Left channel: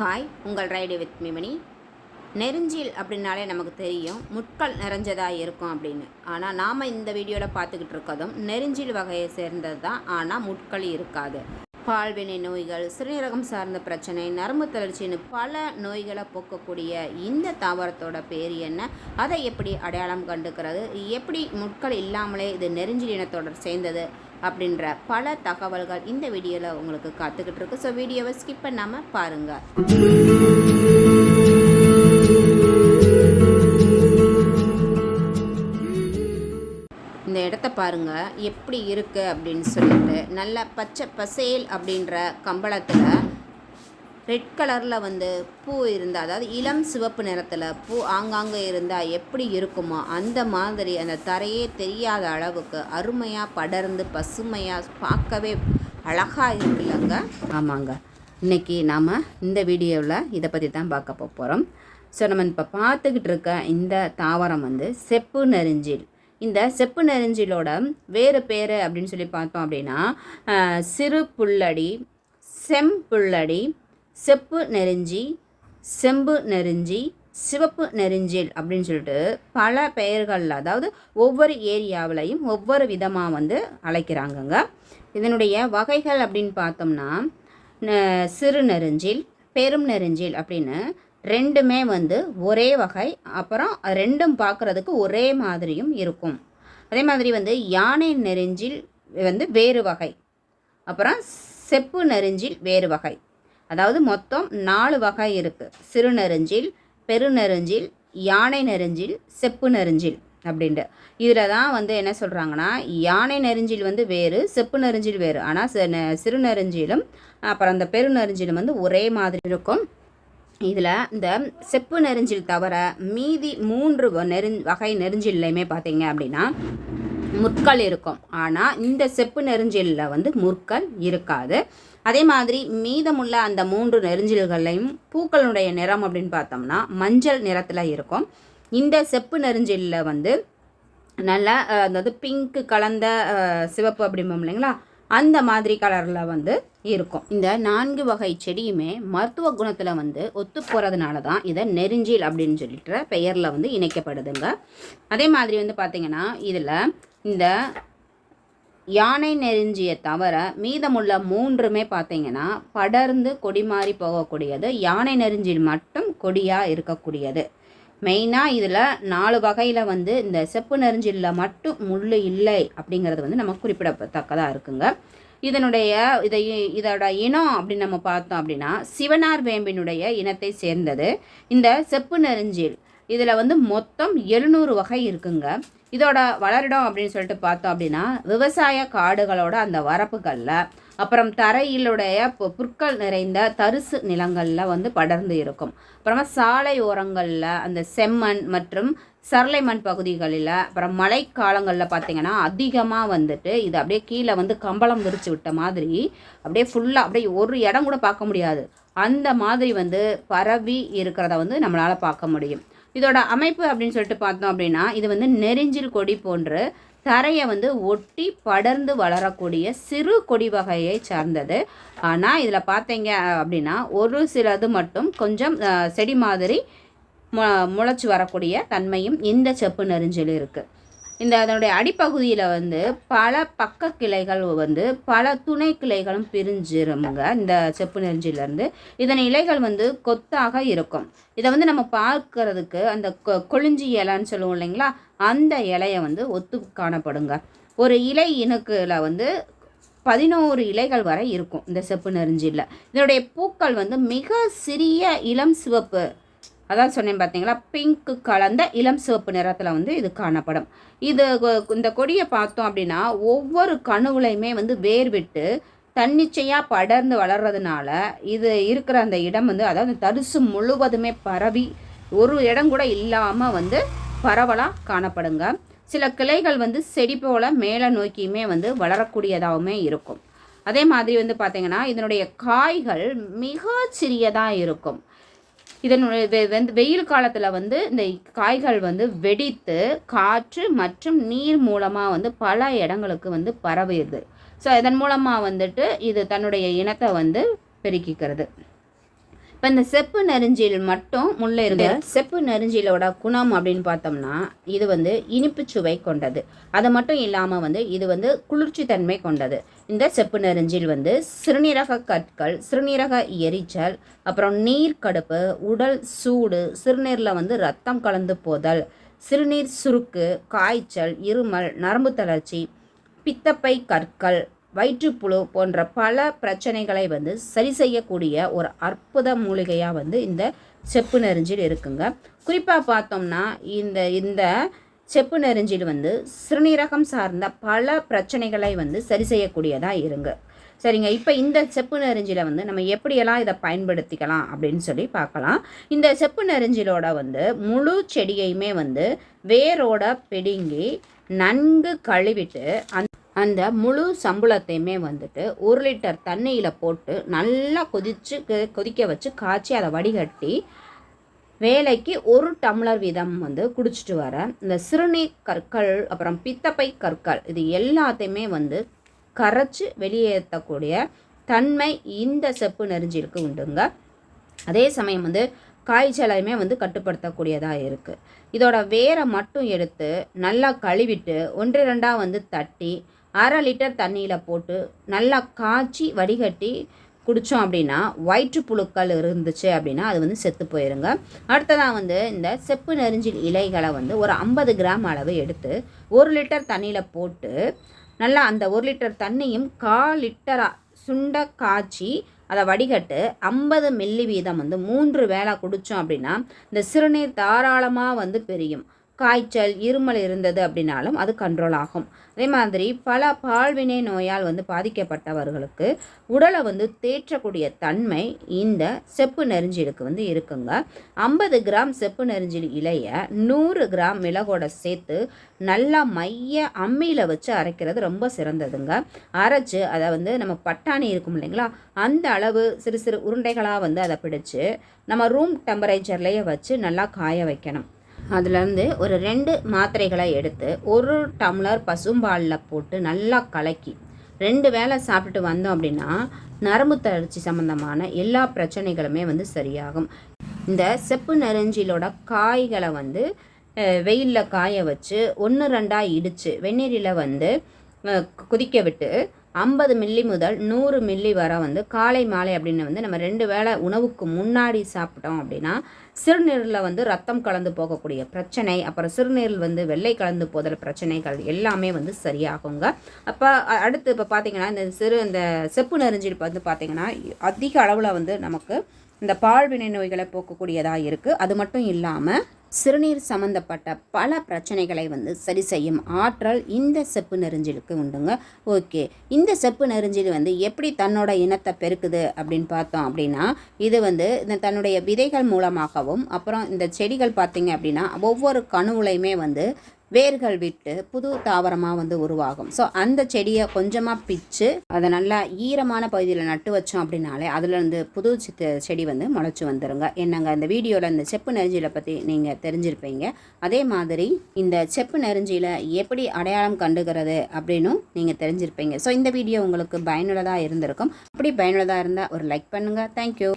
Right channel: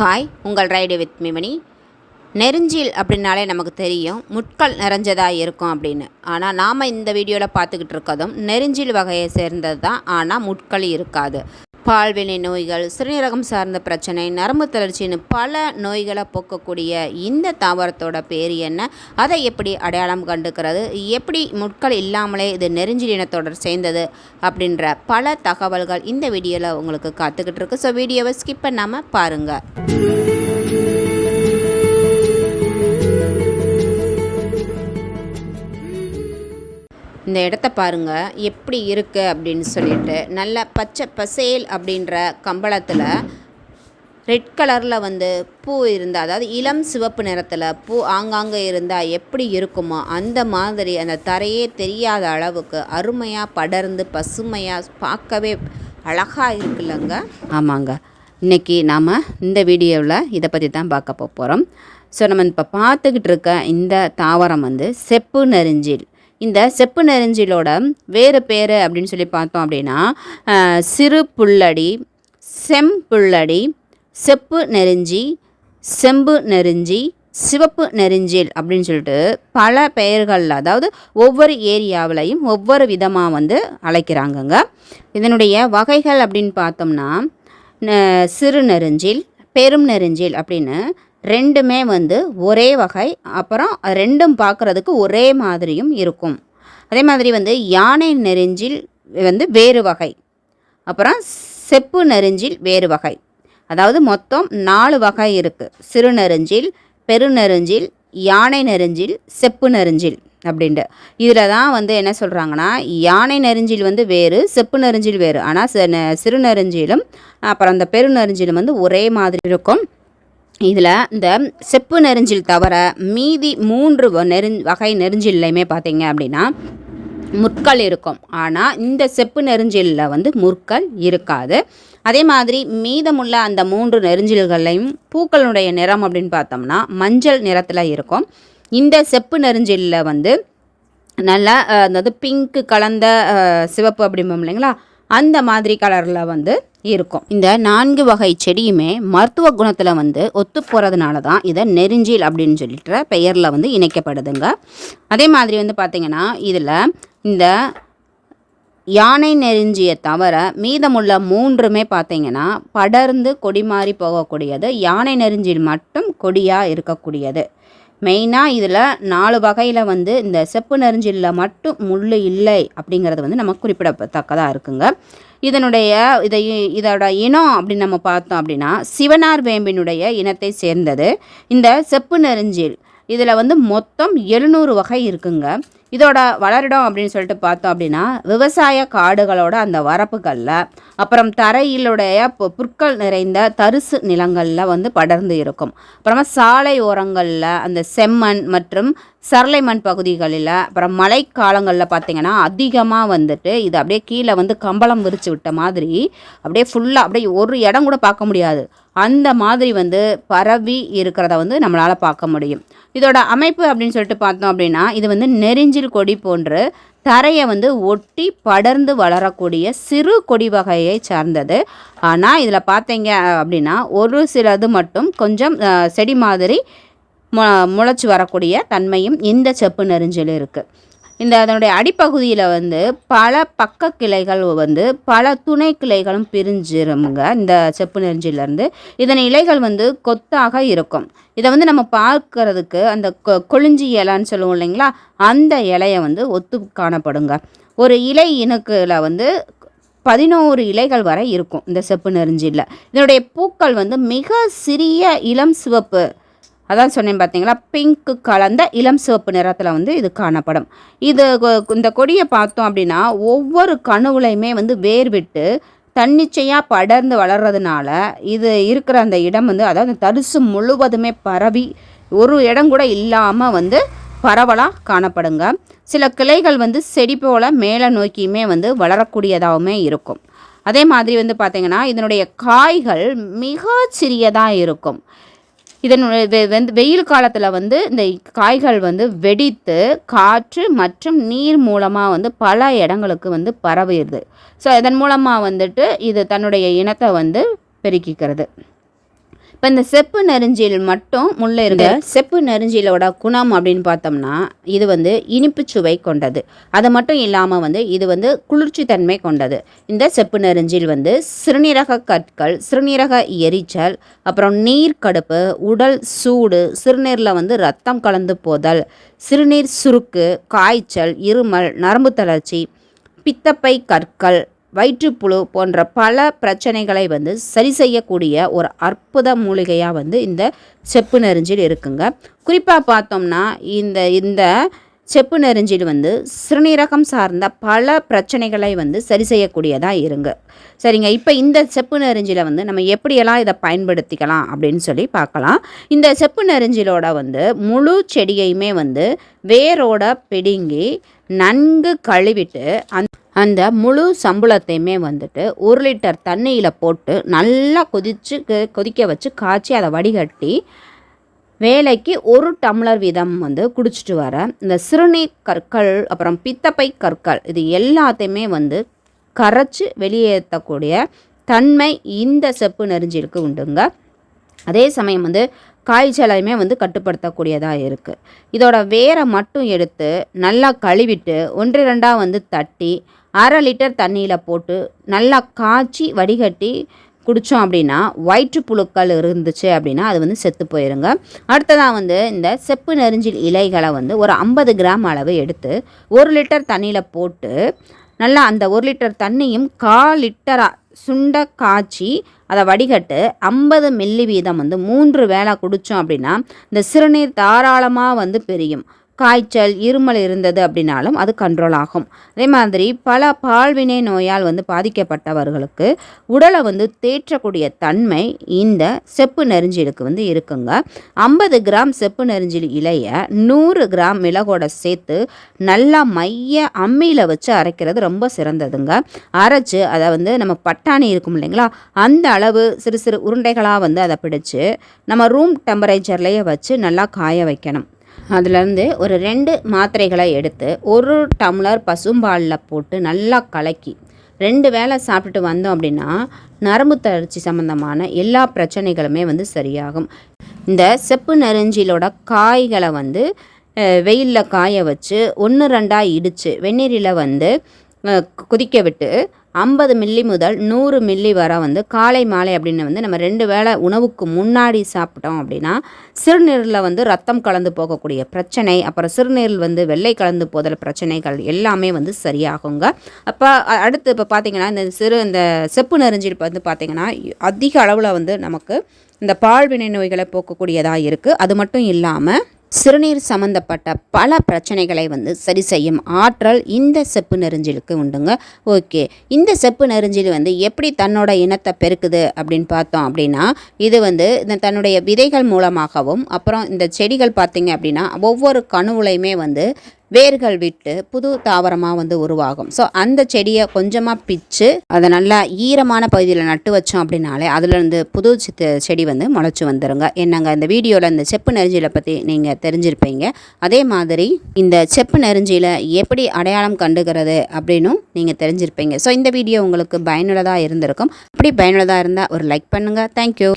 Hi உங்கள் ride with மிமணி நெருஞ்சில் அப்படின்னாலே நமக்கு தெரியும். முட்கள் நிறைஞ்சதாக இருக்கும் அப்படின்னு. ஆனால் நாம் இந்த வீடியோவில் பார்த்துக்கிட்டு இருக்கதும் நெருஞ்சில் வகையை சேர்ந்தது தான் ஆனால் முட்கள் இருக்காது. பால்வினை நோய்கள் சிறுநீரகம் சார்ந்த பிரச்சனை நரம்பு தளர்ச்சின்னு பல நோய்களை போக்கக்கூடிய இந்த தாவரத்தோட பேர் என்ன? அதை எப்படி அடையாளம் கண்டுக்கிறது? எப்படி முட்கள் இல்லாமலே இது நெருஞ்சில் சேர்ந்தது? அப்படின்ற பல தகவல்கள் இந்த வீடியோவில் உங்களுக்கு காத்துக்கிட்டு இருக்கு. ஸோ வீடியோவை ஸ்கிப் பண்ணாமல் பாருங்கள் இந்த இடத்த பாருங்க. எப்படி இருக்கு அப்படின்னு சொல்லிட்டு. நல்ல பச்சை பசேல் அப்படின்ற கம்பளத்தில் ரெட் கலரில் வந்து பூ இருந்தால் அதாவது இளம் சிவப்பு நிறத்தில் பூ ஆங்காங்கே இருந்தால் எப்படி இருக்குமோ அந்த மாதிரி அந்த தரையே தெரியாத அளவுக்கு அருமையாக படர்ந்து பசுமையாக பார்க்கவே அழகாக இருக்குல்லங்க. ஆமாங்க. இன்றைக்கி நாம் இந்த வீடியோவில் இதை பற்றி தான் பார்க்க போகிறோம் ஸோ நம்ம இப்போ பார்த்துக்கிட்டு இருக்க இந்த தாவரம் வந்து செப்பு நெறிஞ்சில் இந்த செப்பு நெருஞ்சிலோட வேறு பேர் அப்படின்னு சொல்லி பார்த்தோம் அப்படின்னா சிறு புல்லடி செம்புள்ளடி செப்பு நெருஞ்சி செம்பு நெருஞ்சி சிவப்பு நெருஞ்சில் அப்படின்னு சொல்லிட்டு பல பெயர்களில் அதாவது ஒவ்வொரு ஏரியாவிலையும் ஒவ்வொரு விதமாக வந்து அழைக்கிறாங்கங்க. இதனுடைய வகைகள் அப்படின்னு பார்த்தோம்னா சிறு நெருஞ்சில் பெரும் நெருஞ்சில் அப்படின்னு ரெண்டுமே வந்து ஒரே வகை அப்புறம் ரெண்டும் பார்க்குறதுக்கு ஒரே மாதிரியும் இருக்கும். அதே மாதிரி வந்து யானை நெருஞ்சில் வந்து வேறு வகை அப்புறம் செப்பு நெருஞ்சில் வேறு வகை. அதாவது மொத்தம் நாலு வகை இருக்குது சிறு நெருஞ்சில் பெருநெருஞ்சில் யானை நெருஞ்சில் செப்பு நெருஞ்சில் அப்படின்ட்டு. இதில் தான் வந்து என்ன சொல்கிறாங்கன்னா யானை நெருஞ்சில் வந்து வேறு செப்பு நெருஞ்சில் வேறு. ஆனால் சிறு நெருஞ்சிலும் அப்புறம் அந்த பெருநெருஞ்சிலும் வந்து ஒரே மாதிரி இருக்கும். இதில் இந்த செப்பு நெருஞ்சில் தவிர மீதி மூன்று நெரு நெருஞ் வகை நெருஞ்சில்லையுமே பார்த்தீங்க அப்படின்னா முற்கள் இருக்கும். ஆனால் இந்த செப்பு நெருஞ்சிலில் வந்து முற்கள் இருக்காது. அதே மாதிரி மீதமுள்ள அந்த மூன்று நெருஞ்சில்களையும் பூக்களுடைய நிறம் அப்படின்னு பார்த்தோம்னா மஞ்சள் நிறத்தில் இருக்கும். இந்த செப்பு நெருஞ்சிலில் வந்து நல்லா அதாவது பிங்க்கு கலந்த சிவப்பு அப்படிம்போம் இல்லைங்களா? அந்த மாதிரி கலரில் வந்து இருக்கும். இந்த நான்கு வகை செடியுமே மருத்துவ குணத்தில் வந்து ஒத்து போகிறதுனால தான் இதை நெருஞ்சில் அப்படின்னு சொல்லிட்டு பெயரில் வந்து இணைக்கப்படுதுங்க. அதே மாதிரி வந்து பார்த்திங்கன்னா இதில் இந்த யானை நெருஞ்சியை தவிர மீதமுள்ள மூன்றுமே பார்த்தீங்கன்னா படர்ந்து கொடி மாறி போகக்கூடியது யானை நெருஞ்சில் மட்டும் கொடியாக இருக்கக்கூடியது. மெயினாக இதில் நாலு வகையில் வந்து இந்த செப்பு நெருஞ்சிலில் மட்டும் முள் இல்லை அப்படிங்கிறது வந்து நம்ம குறிப்பிடத்தக்கதாக இருக்குங்க. இதனுடைய இதை இதோட இனம் அப்படின்னு நம்ம பார்த்தோம் அப்படின்னா சிவனார் வேம்பினுடைய இனத்தை சேர்ந்தது. இந்த செப்பு நெருஞ்சில் இதில் வந்து மொத்தம் எழுநூறு வகை இருக்குங்க. இதோட வளரிடம் அப்படின்னு சொல்லிட்டு பார்த்தோம் அப்படின்னா விவசாய காடுகளோட அந்த வரப்புகளில் அப்புறம் தரையிலுடைய புற்கள் நிறைந்த தரிசு நிலங்களில் வந்து படர்ந்து இருக்கும். அப்புறமா சாலை ஓரங்களில் அந்த செம்மண் மற்றும் சரளை மண் பகுதிகளில் அப்புறம் மழைக்காலங்களில் பார்த்திங்கன்னா அதிகமாக வந்துட்டு இது அப்படியே கீழே வந்து கம்பளம் விரித்து விட்ட மாதிரி அப்படியே ஃபுல்லாக அப்படியே ஒரு இடம் கூட பார்க்க முடியாது. அந்த மாதிரி வந்து பரவி இருக்கிறத வந்து நம்மளால் பார்க்க முடியும். இதோட அமைப்பு அப்படின்னு சொல்லிட்டு பார்த்தோம் அப்படின்னா இது வந்து நெரிஞ்சில் கொடி போன்று தரையை வந்து ஒட்டி படர்ந்து வளரக்கூடிய சிறு கொடி வகையை சார்ந்தது. ஆனால் இதில் பார்த்தீங்க அப்படின்னா ஒரு சிலது மட்டும் கொஞ்சம் செடி மாதிரி மு முளைச்சி வரக்கூடிய தன்மையும் இந்த செப்பு நெறிஞ்சில் இருக்குது இந்த அதனுடைய அடிப்பகுதியில் வந்து பல பக்க கிளைகள் வந்து பல துணை கிளைகளும் பிரிஞ்சிருங்க இந்த செப்பு நெறிஞ்சிலேருந்து இதன் இலைகள் வந்து கொத்தாக இருக்கும். இதை வந்து நம்ம பார்க்கறதுக்கு அந்த கொ- கொழிஞ்சி இலைன்னு சொல்லுவோம் இல்லைங்களா? அந்த இலையை வந்து ஒத்து காணப்படுங்க. ஒரு இலை இணுக்கில் வந்து பதினோரு இலைகள் வரை இருக்கும் இந்த செப்பு நெருஞ்சில் இதனுடைய பூக்கள் வந்து மிக சிறிய இளம் சிவப்பு அதான் சொன்னேன் பார்த்தீங்களா பிங்க் கலந்த இளம் சிவப்பு நிறத்தில் வந்து இது காணப்படும். இது கொ- இந்த கொடியை பார்த்தோம் அப்படின்னா ஒவ்வொரு கணுவுலையுமே வந்து வேர் விட்டு தன்னிச்சையாக படர்ந்து வளர்கிறதுனால இது இருக்கிற அந்த இடம் வந்து அதாவது தரிசு முழுவதுமே பரவி ஒரு இடம் கூட இல்லாமல் வந்து பரவலாக காணப்படுங்க. சில கிளைகள் வந்து செடி போல் மேலே நோக்கியுமே வந்து வளரக்கூடியதாகவுமே இருக்கும். அதே மாதிரி வந்து பார்த்திங்கன்னா இதனுடைய காய்கள் மிக சிறியதாக இருக்கும். இதனுடைய வந்து வெயில் காலத்தில் வந்து இந்த காய்கள் வந்து வெடித்து காற்று மற்றும் நீர் மூலமாக வந்து பல இடங்களுக்கு வந்து பரவிடுது. ஸோ இதன் மூலமாக வந்துட்டு இது தன்னுடைய இனத்தை வந்து பெருக்கிக்கிறது. இப்போ இந்த செப்பு நெருஞ்சில் மட்டும் முள்ள இருக்க செப்பு நெருஞ்சிலோட குணம் அப்படின்னு பார்த்தோம்னா இது வந்து இனிப்பு சுவை கொண்டது. அது மட்டும் இல்லாமல் வந்து இது வந்து குளிர்ச்சி தன்மை கொண்டது. இந்த செப்பு நெருஞ்சில் வந்து சிறுநீரக கற்கள் சிறுநீரக எரிச்சல் அப்புறம் நீர் கடுப்பு உடல் சூடு சிறுநீரில் வந்து ரத்தம் கலந்து போதல் சிறுநீர் சுருக்கு காய்ச்சல் இருமல் நரம்பு தளர்ச்சி பித்தப்பை கற்கள் வயிற்றுப்புழு போன்ற பல பிரச்சனைகளை வந்து சரி செய்யக்கூடிய ஒரு அற்புத மூலிகையாக வந்து இந்த செப்பு நெருஞ்சில் இருக்குங்க. குறிப்பாக பார்த்தோம்னா இந்த இந்த செப்பு நெருஞ்சில் வந்து சிறுநீரகம் சார்ந்த பல பிரச்சனைகளை வந்து சரி செய்யக்கூடியதாக இருங்க. சரிங்க இப்போ இந்த செப்பு நெருஞ்சில வந்து நம்ம எப்படியெல்லாம் இதை பயன்படுத்திக்கலாம் அப்படின்னு சொல்லி பார்க்கலாம். இந்த செப்பு நெருஞ்சிலோட வந்து முழு செடியையுமே வந்து வேரோட பிடுங்கி நன்கு கழுவிட்டு அந்த அந்த முழு சம்பளத்தையுமே வந்துட்டு ஒரு லிட்டர் தண்ணியில் போட்டு நல்லா கொதிச்சு கொதிக்க வச்சு காய்ச்சி அதை வடிகட்டி வேலைக்கு ஒரு டம்ளர் வீதம் வந்து குடிச்சிட்டு வர. இந்த சிறுநீர் கற்கள் அப்புறம் பித்தப்பை கற்கள் இது எல்லாத்தையுமே வந்து கரைச்சி வெளியேற்றக்கூடிய தன்மை இந்த செப்பு நெருஞ்சிலுக்கு உண்டுங்க. அதே சமயம் வந்து காய்ச்சலையுமே வந்து கட்டுப்படுத்தக்கூடியதாக இருக்குது இதோட வேரை மட்டும் எடுத்து நல்லா கழுவிட்டு ஒன்று ரெண்டாக வந்து தட்டி அரை லிட்டர் தண்ணியில் போட்டு நல்லா காய்ச்சி வடிகட்டி குடித்தோம் அப்படின்னா வயிற்றுப்புழுக்கள் இருந்துச்சு அப்படின்னா அது வந்து செத்து போயிருங்க. அடுத்ததாக வந்து இந்த செப்பு நெறிஞ்சில் இலைகளை வந்து ஒரு ஐம்பது கிராம் அளவு எடுத்து ஒரு லிட்டர் தண்ணியில் போட்டு நல்லா அந்த ஒரு லிட்டர் தண்ணியும் கால் லிட்டராக சுண்ட காய்ச்சி அதை வடிகட்டு ஐம்பது மில்லி வீதம் வந்து மூன்று வேளை குடித்தோம் அப்படின்னா இந்த சிறுநீர் தாராளமாக வந்து பெரியும். காய்ச்சல் இருமல் இருந்தது அப்படின்னாலும் அது கண்ட்ரோல் ஆகும். அதே மாதிரி பல பால்வினை நோயால் வந்து பாதிக்கப்பட்டவர்களுக்கு உடலை வந்து தேற்றக்கூடிய தன்மை இந்த செப்பு நெருஞ்சிலுக்கு வந்து இருக்குங்க. ஐம்பது கிராம் செப்பு நெருஞ்சில் இலையை நூறு கிராம் மிளகோட சேர்த்து நல்லா மைய அம்மியில் வச்சு அரைக்கிறது ரொம்ப சிறந்ததுங்க. அரைச்சு அதை வந்து நம்ம பட்டாணி இருக்கும் இல்லைங்களா அந்த அளவு சிறு சிறு உருண்டைகளாக வந்து அதை பிடிச்சு நம்ம ரூம் டெம்பரேச்சர்லேயே வச்சு நல்லா காய வைக்கணும். அதுலேருந்து ஒரு ரெண்டு மாத்திரைகளை எடுத்து ஒரு டம்ளர் பசும்பாலில் போட்டு நல்லா கலக்கி ரெண்டு வேளை சாப்பிட்டுட்டு வந்தோம் அப்படின்னா நரம்பு தளர்ச்சி சம்மந்தமான எல்லா பிரச்சனைகளுமே வந்து சரியாகும். இந்த செப்பு நெருஞ்சிலோட காய்களை வந்து வெயிலில் காய வச்சு ஒன்று ரெண்டாக இடித்து வெந்நீரில் வந்து குதிக்க கொதிக்க விட்டு ஐம்பது மில்லி முதல் நூறு மில்லி வரை வந்து காலை மாலை அப்படின்னு வந்து நம்ம ரெண்டு வேளை உணவுக்கு முன்னாடி சாப்பிட்டோம் அப்படின்னா சிறுநீரில் வந்து ரத்தம் கலந்து போகக்கூடிய பிரச்சனை அப்புறம் சிறுநீரில் வந்து வெள்ளை கலந்து போதல் பிரச்சனைகள் எல்லாமே வந்து சரியாகுங்க. அப்போ அடுத்து இப்போ பார்த்திங்கன்னா இந்த சிறு இந்த செப்பு நெருஞ்சில் வந்து பார்த்திங்கன்னா அதிக அளவில் வந்து நமக்கு இந்த பால்வினை நோய்களை போக்கக்கூடியதாக இருக்குது அது மட்டும் இல்லாமல் சிறுநீர் சம்மந்தப்பட்ட பல பிரச்சனைகளை வந்து சரி செய்யும் ஆற்றல் இந்த செப்பு நெருஞ்சிலுக்கு உண்டுங்க. ஓகே. இந்த செப்பு நெருஞ்சில் வந்து எப்படி தன்னோட இனத்தை பெருக்குது அப்படின்னு பார்த்தோம் அப்படின்னா இது வந்து இந்த தன்னுடைய விதைகள் மூலமாகவும் அப்புறம் இந்த செடிகள் பார்த்திங்க அப்படின்னா ஒவ்வொரு கணுவுலையுமே வந்து வேர்கள் விட்டு புது தாவரமாக வந்து உருவாகும். ஸோ அந்த செடியை கொஞ்சமாக பிச்சு அதை நல்லா ஈரமான பகுதியில் நட்டு வச்சோம் அப்படின்னாலே அதுலேருந்து புது சித்து செடி வந்து முளைச்சி வந்துடுங்க என்னங்க இந்த வீடியோவில் இந்த செப்பு நெருஞ்சியில் பற்றி நீங்கள் தெரிஞ்சிருப்பீங்க. அதே மாதிரி இந்த செப்பு நெருஞ்சியில் எப்படி அடையாளம் கண்டுகிறது அப்படின்னும் நீங்கள் தெரிஞ்சிருப்பீங்க. ஸோ இந்த வீடியோ உங்களுக்கு பயனுள்ளதாக இருந்திருக்கும். அப்படி பயனுள்ளதாக இருந்தால் ஒரு லைக் பண்ணுங்கள் தேங்க்யூ